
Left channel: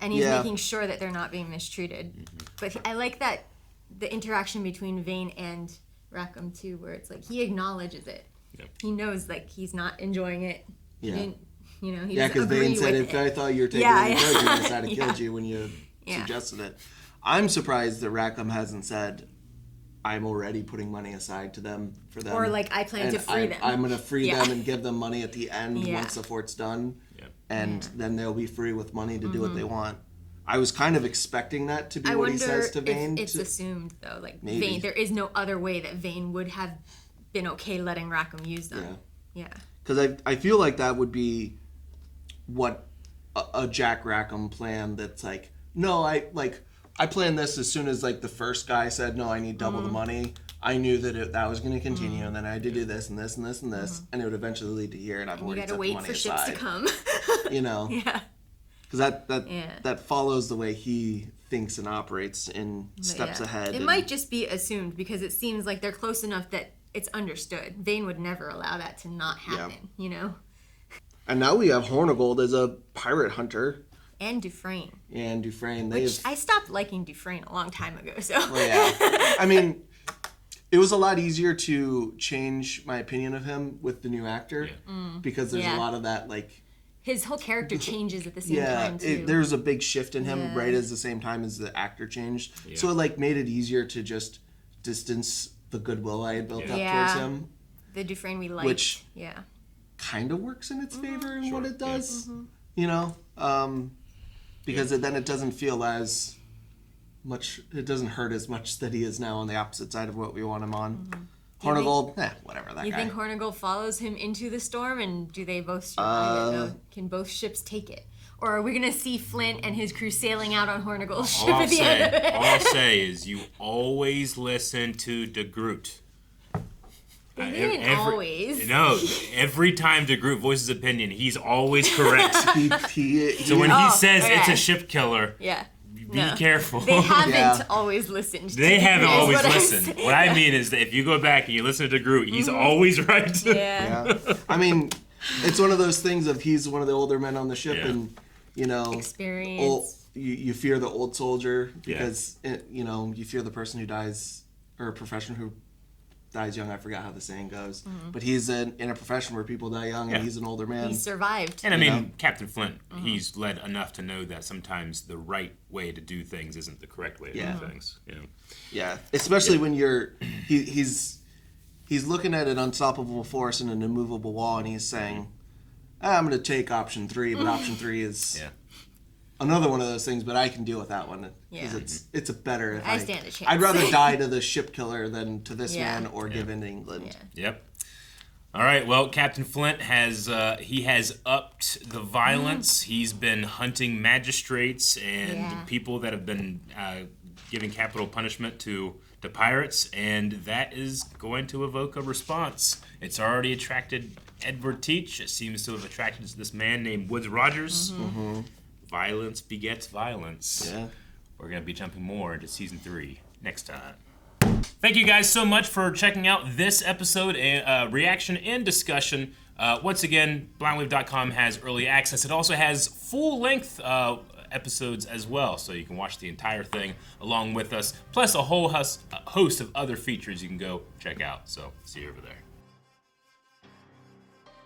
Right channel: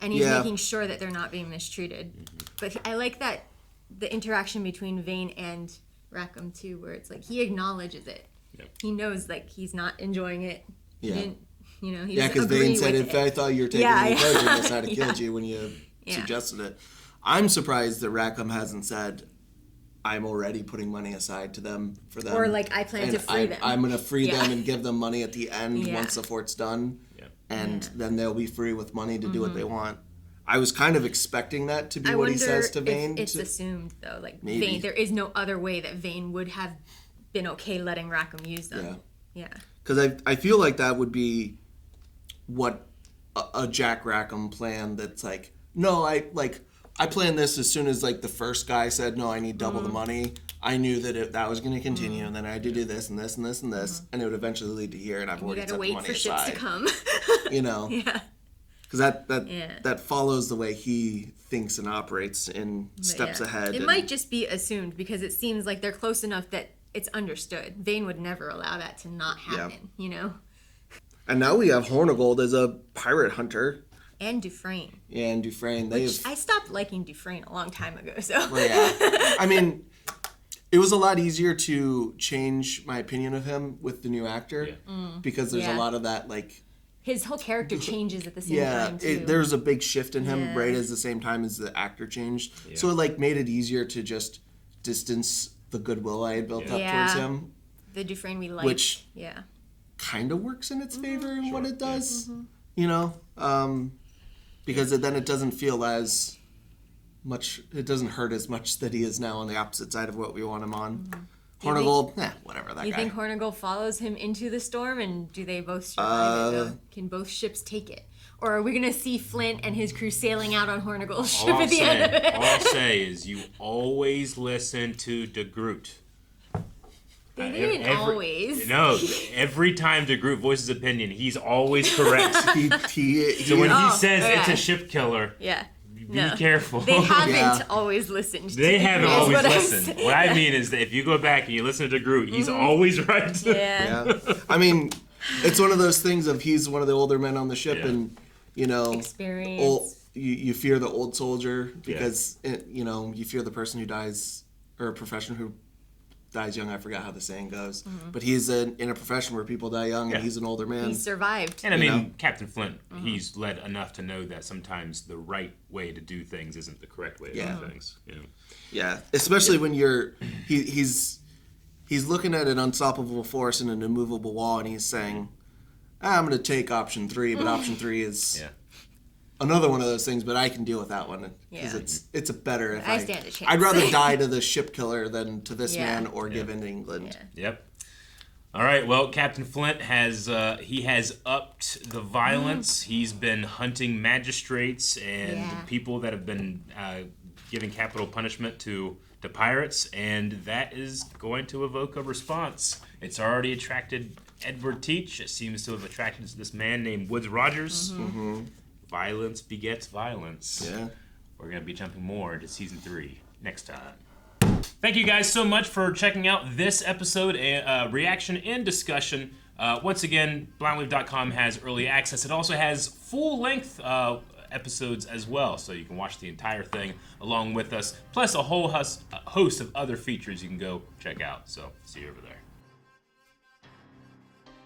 and he's making sure that they're not being mistreated. But I like that the interaction between Vane and Rackham too, where it's he acknowledges it. Yeah. He knows he's not enjoying it. He didn't, he doesn't because agree Vane said, with "If I thought you were taking advantage of this, I'd have killed you when you suggested it." I'm surprised that Rackham hasn't said, I'm already putting money aside to them for them. Or I plan to free them. I'm going to free them and give them money at the end once the fort's done. Yeah. And then they'll be free with money to do what they want. I was kind of expecting that to be what he says to Vane. It's assumed, though. Vane, there is no other way that Vane would have been okay letting Rackham use them. Yeah. Because I feel like that would be what a Jack Rackham plan that's like, no, I planned this as soon as like the first guy said, no, I need double the money. I knew that that was going to continue, and then I had to do this and this and this and this, and it would eventually lead to here, and I've already set the money aside. You gotta wait for ships to come. You know? Yeah. Because that follows the way he thinks and operates and steps ahead. It might just be assumed because it seems like they're close enough that it's understood. Vane would never allow that to not happen, you know? And now we have Hornigold as a pirate hunter. And Dufresne. Yeah, and Dufresne. I stopped liking Dufresne a long time ago, so. Yeah. I mean, it was a lot easier to change my opinion of him with the new actor because there's a lot of that, like... His whole character changes at the same time, too. There's a big shift in him right at the same time as the actor changed. Yeah. So it, like, made it easier to just distance the goodwill I had built up towards him. The Dufresne we liked. Which kind of works in its favor in what it does. You know? Because then it doesn't feel as much, it doesn't hurt as much that he is now on the opposite side of what we want him on. Hornigold, whatever, that guy. You think Hornigold follows him into the storm, and do they both survive it? Can both ships take it? Or are we going to see Flint and his crew sailing out on Hornigold's ship at the end of it? All I'll say is you always listen to the Groot. Always. No, every time the Groot voices opinion, he's always correct. So when he says it's a ship killer, be careful. They haven't always listened. They haven't always listened. What I mean is that if you go back and you listen to Groot, he's always right. Yeah. I mean, it's one of those things of he's one of the older men on the ship, and you know, experience. You fear the old soldier because you know you fear the person who dies, or a profession who dies young. I forgot how the saying goes, but he's in a profession where people die young, and he's an older man. He survived. And I mean, Captain Flint, he's led enough to know that sometimes the right way to do things isn't the correct way to do things. Yeah, especially when you're he's looking at an unstoppable force and an immovable wall, and he's saying, I'm going to take option 3, but option 3 is another one of those things, but I can deal with that one. It's a better if I stand a chance. I'd rather die to the ship killer than to this man or give in to England. Yep. All right. Well, Captain Flint has upped the violence. He's been hunting magistrates and people that have been giving capital punishment to pirates, and that is going to evoke a response. It's already attracted Edward Teach. It seems to have attracted this man named Woodes Rogers. Violence begets violence. Yeah. We're going to be jumping more into season 3 next time. Thank you guys so much for checking out this episode, reaction and discussion. Once again, blindwave.com has early access. It also has full-length episodes as well, so you can watch the entire thing along with us, plus a whole host of other features you can go check out. So see you over there.